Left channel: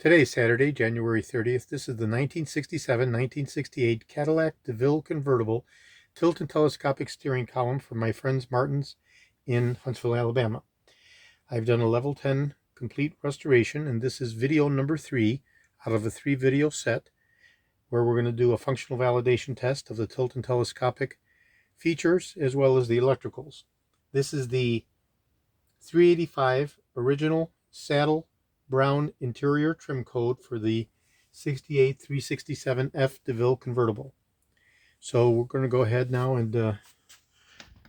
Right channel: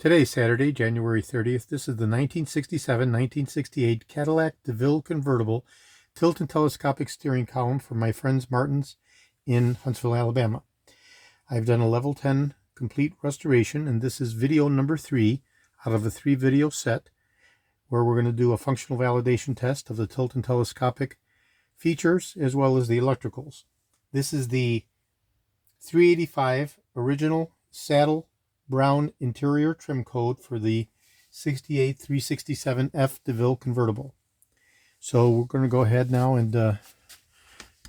Today is Saturday, January 30th. This is the 1967-1968 Cadillac DeVILLE convertible tilt and telescopic steering column from my friends Martin's in Huntsville, Alabama. I've done a level 10 complete restoration, and this is video number 3 out of a 3-video set where we're going to do a functional validation test of the tilt and telescopic features as well as the electricals. This is the 385 original saddle brown interior trim code for the 68 367F DeVILLE convertible. So we're going to go ahead now and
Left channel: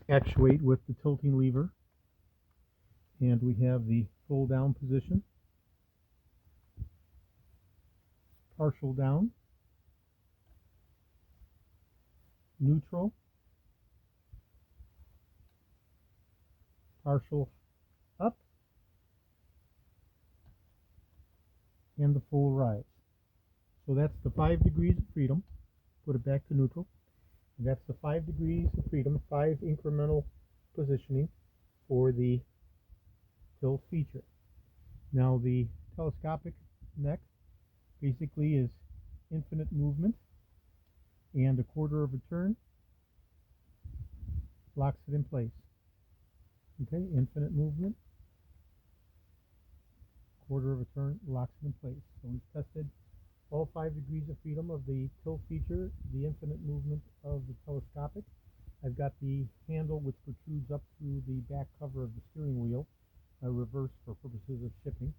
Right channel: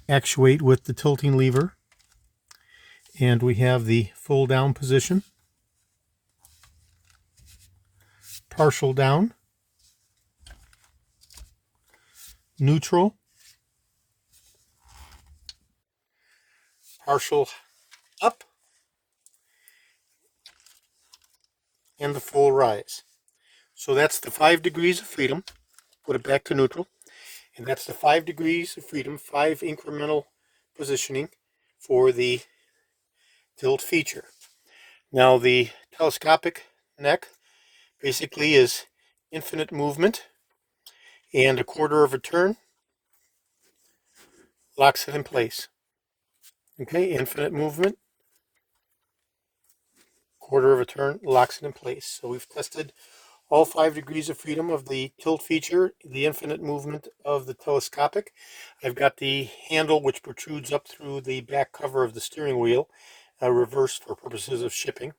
actuate with the tilting lever. And we have the full down position, partial down, neutral, partial up, and the full rise. So that's the 5 degrees of freedom. Put it back to neutral. And that's the 5 degrees of freedom, 5 incremental positioning for the tilt feature. Now the telescopic neck basically is infinite movement, and a quarter of a turn locks it in place. Okay, infinite movement, quarter of a turn locks it in place. So we've tested all 5 degrees of freedom of the tilt feature, the infinite movement of the telescopic. I've got the handle which protrudes up through the back cover of the steering wheel, reversed for purposes of shipping.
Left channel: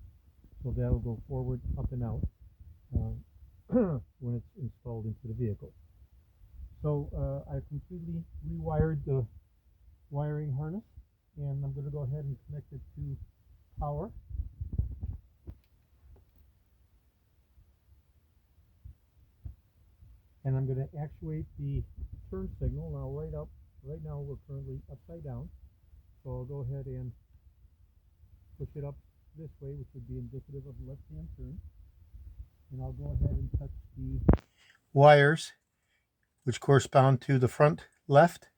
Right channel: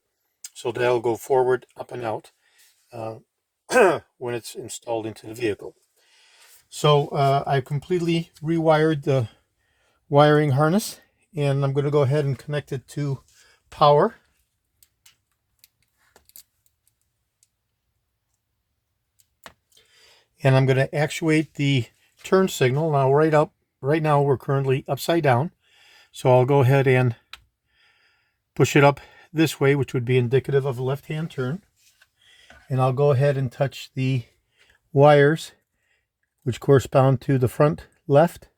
So that'll go forward, up and out when it's installed into the vehicle. So I've completely rewired the wiring harness, and I'm going to go ahead and connect it to power. And I'm going to actuate the turn signal. Now right now we're currently upside down. So I'll go ahead and push it up this way, which would be indicative of a left-hand turn. And I'll go ahead and touch the wires, which correspond to the front left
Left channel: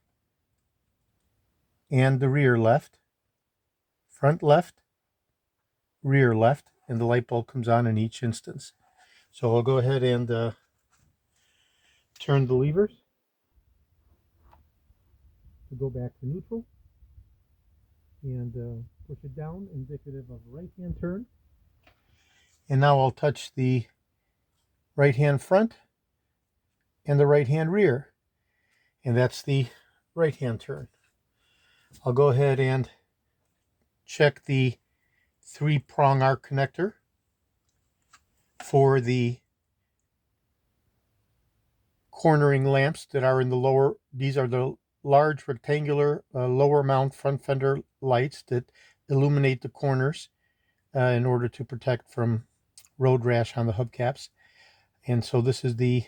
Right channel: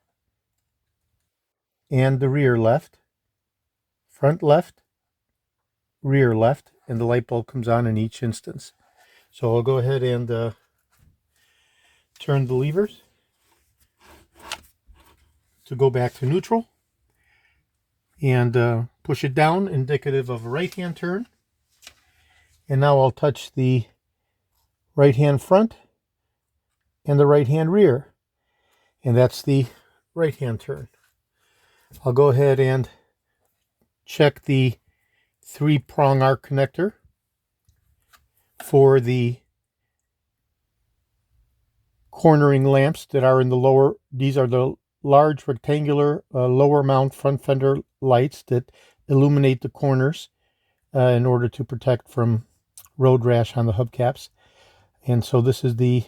and the rear left. Front left, rear left, and the light bulb comes on in each instance. So I'll go ahead and turn the levers to go back to neutral and push it down, indicative of a right-hand turn. And now I'll touch the right-hand front and the right-hand rear, and that's the right-hand turn. I'll go ahead and check the 3-prong arc connector for the cornering lamps that are in the lower. These are the large rectangular lower mount front fender lights that illuminate the corners in order to protect from road rash on the hubcaps. And so this is the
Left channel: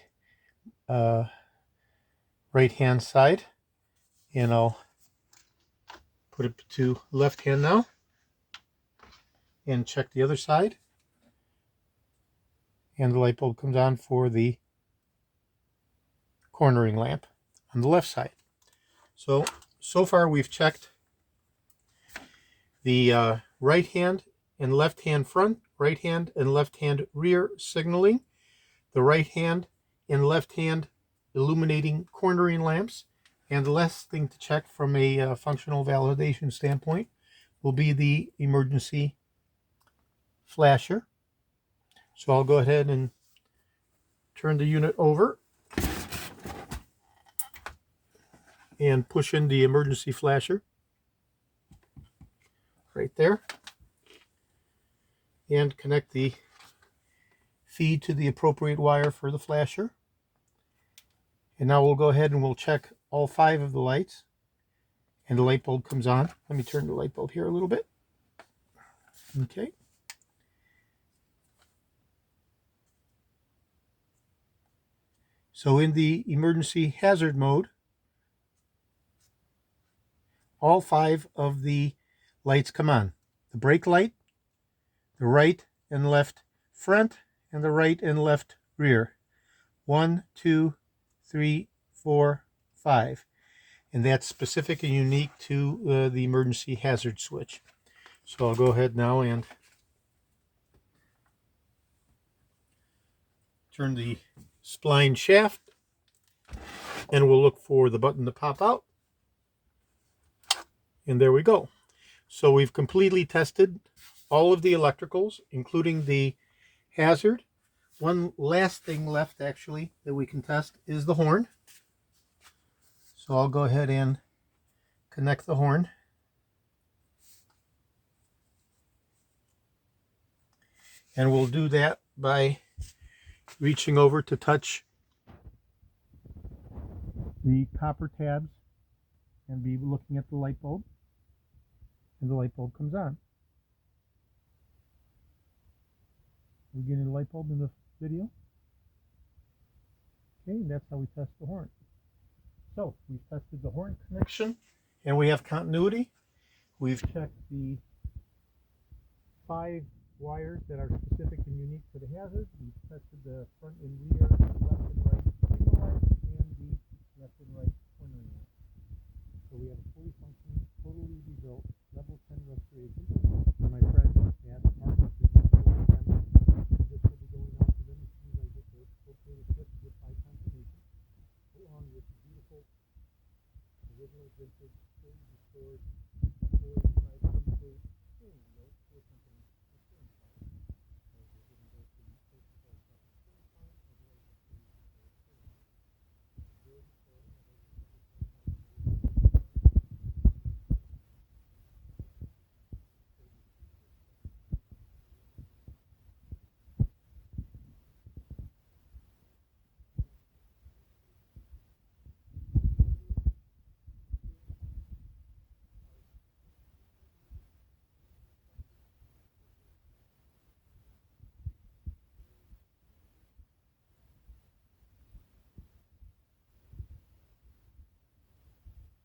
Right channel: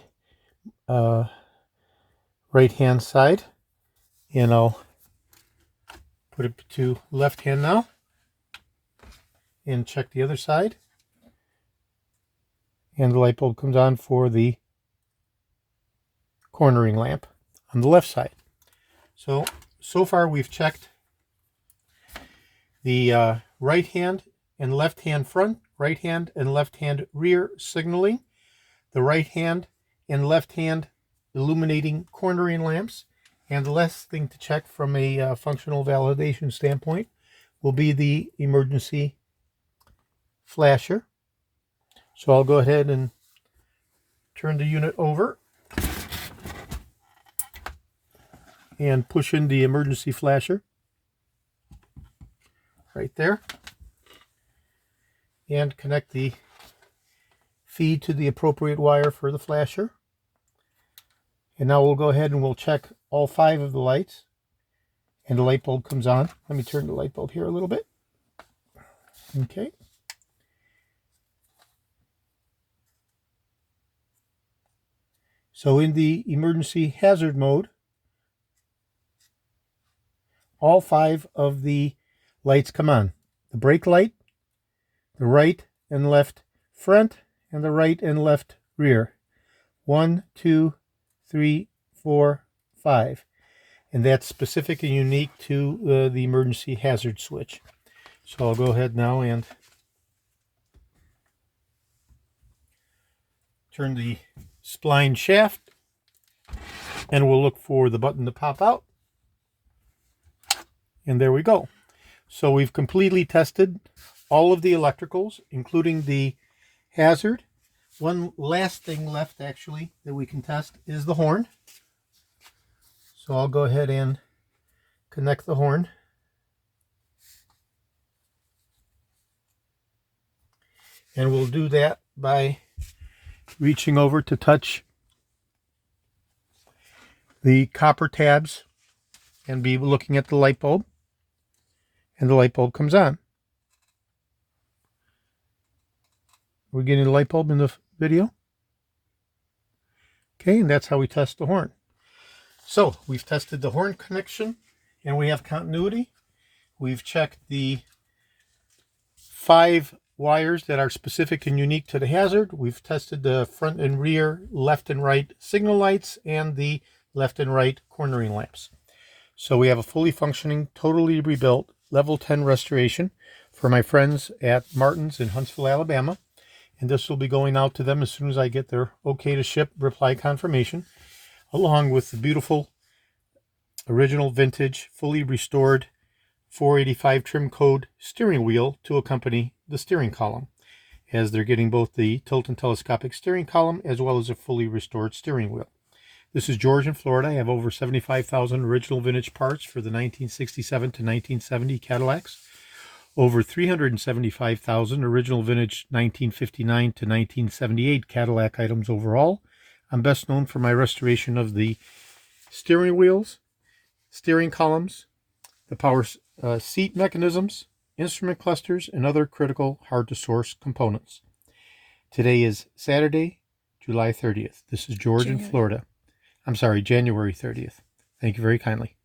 right hand side, and I'll put it to left hand now and check the other side, and the light bulb comes on for the cornering lamp on the left side. So far we've checked the right hand and left hand front, right hand and left hand rear signaling, the right hand and left hand illuminating cornering lamps, and the last thing to check from a functional validation standpoint will be the emergency flasher. So I'll go ahead and turn the unit over and push in the emergency flasher right there, and connect the feed to the appropriate wire for the flasher. And now we'll go ahead and we'll check all 5 of the lights, and the light bulb comes on. Let me turn the light bulb here a little bit. Okay. So in the emergency hazard mode, all 5 of the lights come on. The brake light, the right and left front, and the right and left rear. 1, 2, 3, 4, 5. And that's specific and unique to the emergency hazard switch. So I'll go ahead now and turn the spline shaft, and we'll look for the button to pop out. And there we go. So we've completely tested all of the electricals, including the hazard. One last thing left, actually, that we can test is the horn. So I'll go ahead and connect the horn. And we'll do that by reaching over to touch the copper tabs and be looking at the light bulb. And the light bulb comes on. Are we getting the light bulb in the video? Okay, and that's how we test the horn. So we've tested the horn connection and we have continuity. We've checked the 5 wires that are specific and unique to the hazard. We've tested the front and rear, left and right signal lights, and the left and right cornering lamps. So we have a fully functioning, totally rebuilt level 10 restoration for my friends at Martin's in Huntsville, Alabama. And this will be going out to them as soon as I get their okay to ship reply confirmation, along with the beautiful original vintage fully restored 485 trim code steering wheel to accompany the steering column, as they're getting both the tilt and telescopic steering column as well as a fully restored steering wheel. This is George in Florida. I have over 75,000 original vintage parts for the 1967 to 1970 Cadillacs, over 375,000 original vintage 1959 to 1978 Cadillac items overall. I'm best known for my restoration of the steering wheels, steering columns, the power seat mechanisms, instrument clusters, and other critical hard-to-source components. Today is Saturday, July 30th. This is George in Florida. I'm sorry, January 30th. Thank you very kindly.